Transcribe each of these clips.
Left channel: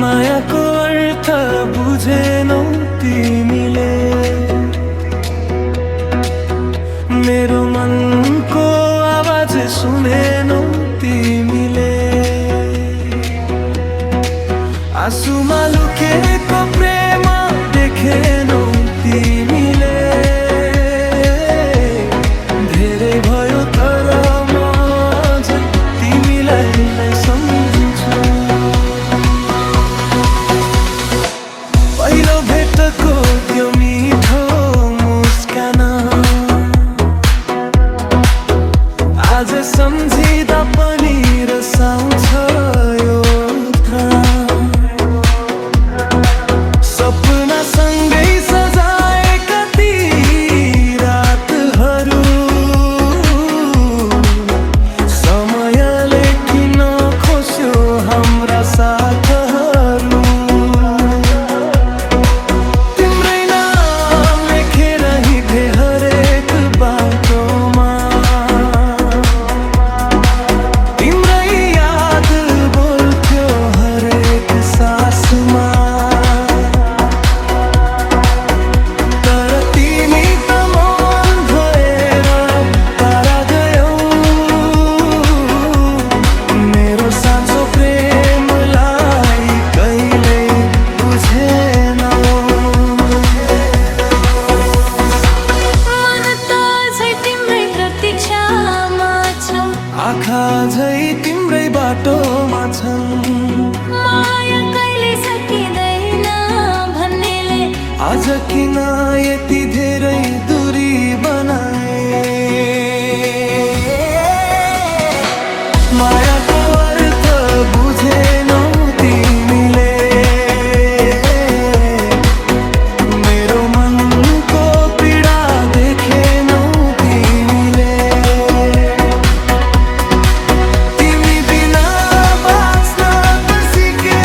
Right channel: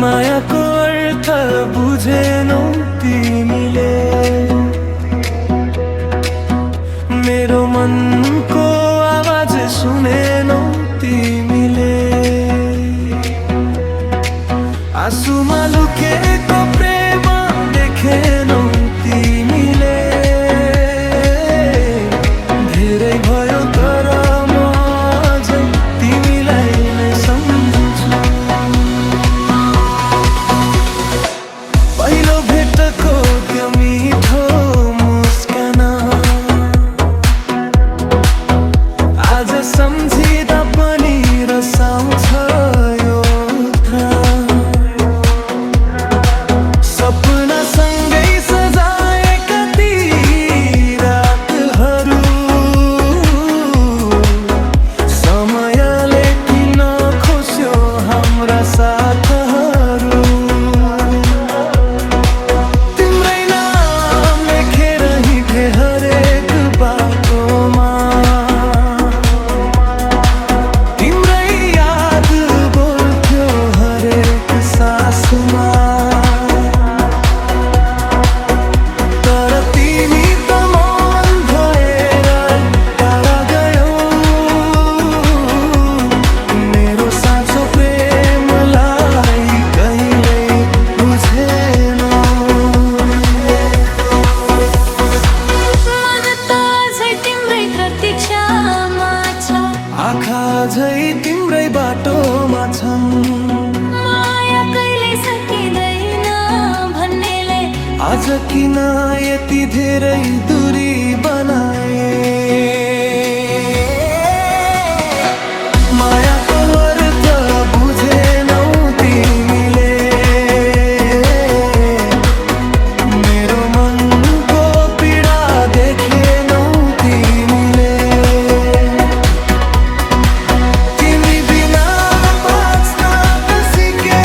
मायाको अर्थ बुझेनौ तिमीले, मेरो मनको आवाज सुनेनौ तिमीले। आँसुमा लुकेको प्रेम देखेनौ तिमीले। धेरै भयो तर म अझै तिमीलाई नै सम्झन्छु। पहिलो भेटको त्यो मिठो मुस्कान आज सम्झिँदा पनि रसाउँछ यो सपना सँगै सजाएका ती रातहरू समयले किन खोस्यो हाम्रा साथहरू। तिम्रै नाम लेखेर हिँडे हरेक बाटोमा, तिम्रै याद बोल्थ्यो हरेक सासमा। तर तिमी त मन भएर टाढा गयौ, मेरो साँचो प्रेमलाई कहिल्यै बुझेनौ। मन त झै तिम्रै प्रतीक्षामा छ, आँखा झै तिम्रै बाटोमा छन्। माया कहिले सकिँदैन भन्नेले आज किन यति धेरै दूरी बनाए। मायाको अर्थ बुझेनौ तिमीले, मेरो मनको पीडा देखेनौ तिमीले। तिमी बिना बाँच्न त सिके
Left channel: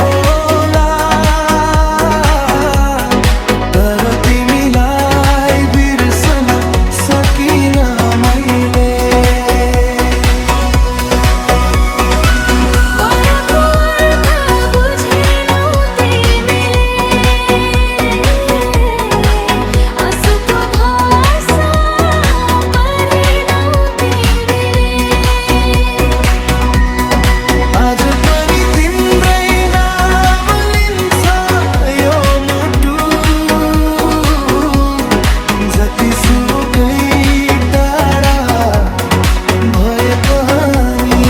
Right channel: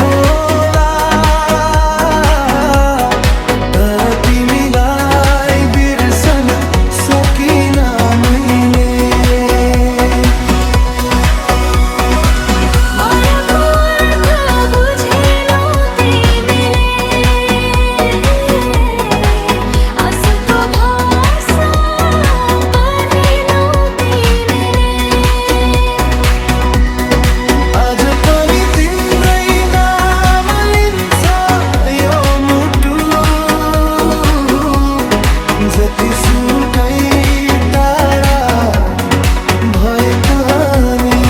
होला, तर तिमीलाई बिर्सन सकिन मैले। मायाको अर्थ बुझेनौ तिमीले, आँसुको भाषा पढेनौ तिमीले। आज पनि तिम्रै नाम लिन्छ यो मुटु, जतिसुकै टाढा भए पनि।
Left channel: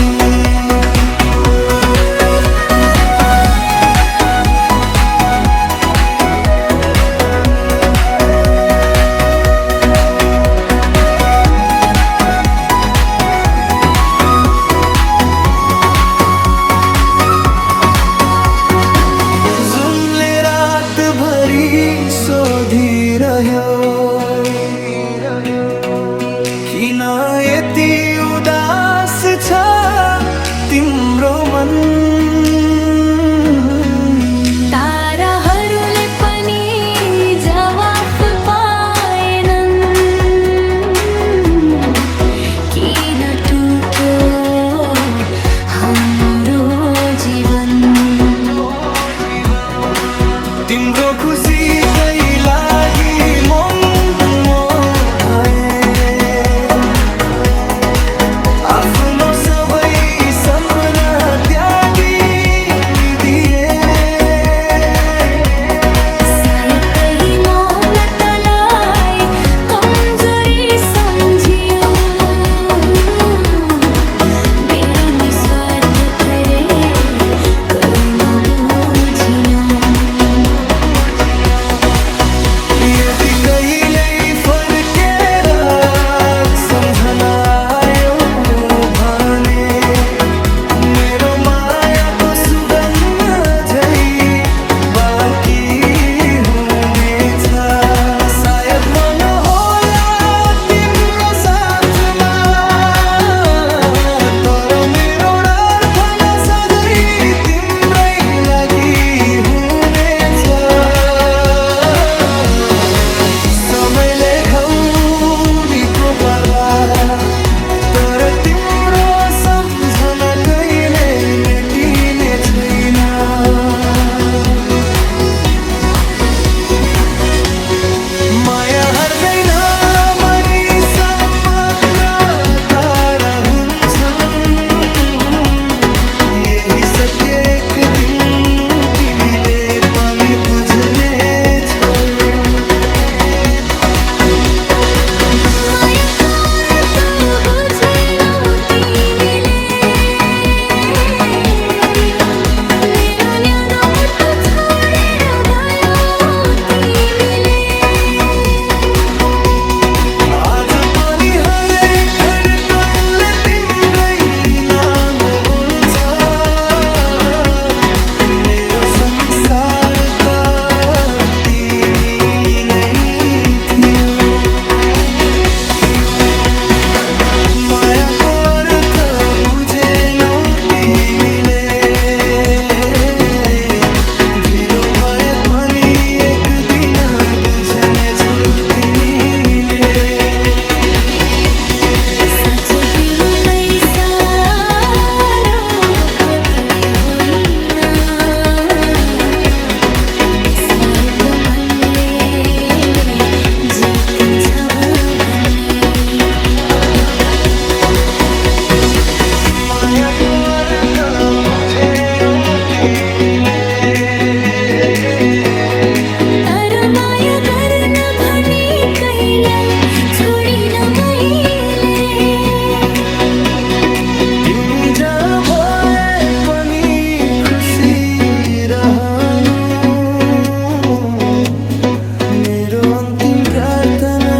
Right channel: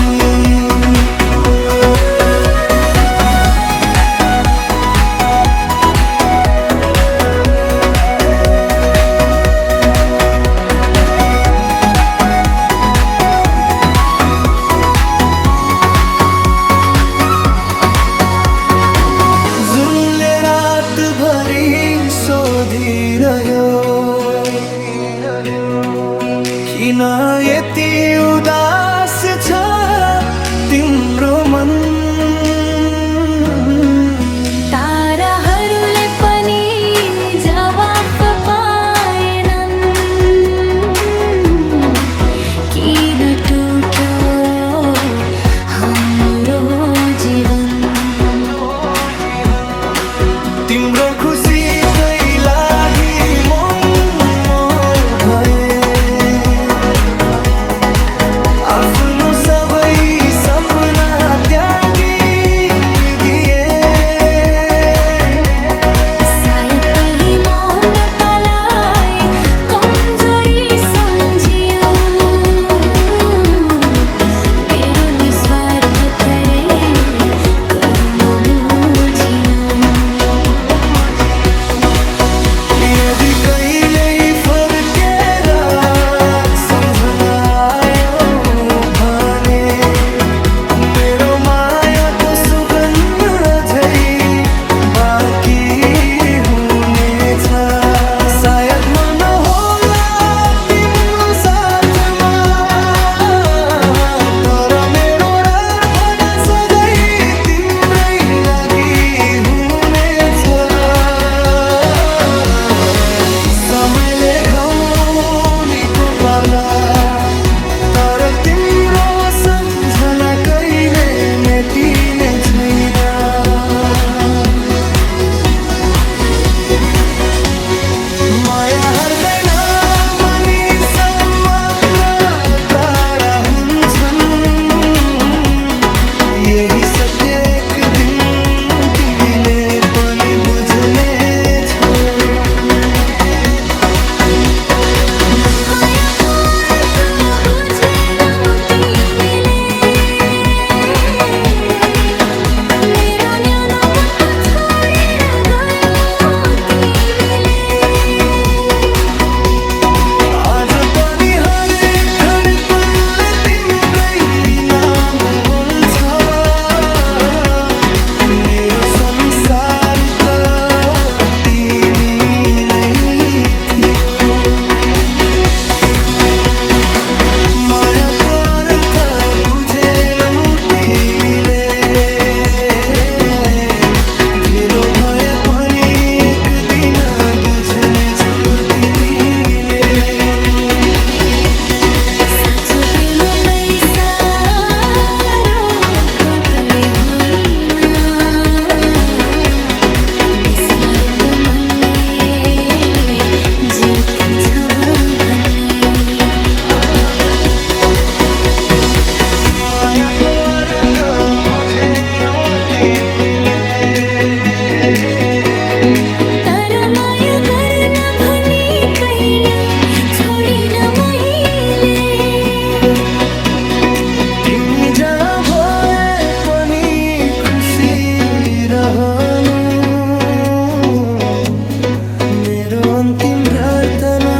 जुनले रातभरि सोधिरह्यो किन यति उदास छ तिम्रो मन। ताराहरूले पनि जवाफ पाएनन्, किन टुट्यो हाम्रो जीवन। तिम्रो खुसीकै लागि म भए, आफ्नो सबै सपना त्यागी दिए। सायद कही मौनतालाई कमजोरी सम्झियो, मेरो निस्वार्थ तेरे कर्म बुझिनौ। यदि कहिल्यै फर्केर सम्झना आयो भने मेरो माया कहिले मेटिने छैन। माया हर्दैन मानिस मात्र तारा हुन्छन्। यही सत्य एक दिन तिमीले पनि बुझ्नेछौ। मायाको अर्थ बुझेनौ तिमीले, मेरो न्यानो मुटु छोडेर गयौ तिमीले। आज पनि हरेक धड्कनले तिम्रै नाम बोल्छ। मेरो संसार त तिमी नै थियौ। मायाको अर्थ बुझेनौ तिमीले, ढिलो भए पनि एक दिन बुझ्नेछौ तिमीले। साँचो प्रेम पैसा र पटले होइन, निस्वार्थ मनले जितिन्छ भन्ने। मायाको अर्थ बुझेनौ तिमीले, तर माया गर्न भने कहिल्यै छोडिन मैले। तिमी जहाँ भए पनि खुसी रहनु, मेरो अन्तिम प्रार्थना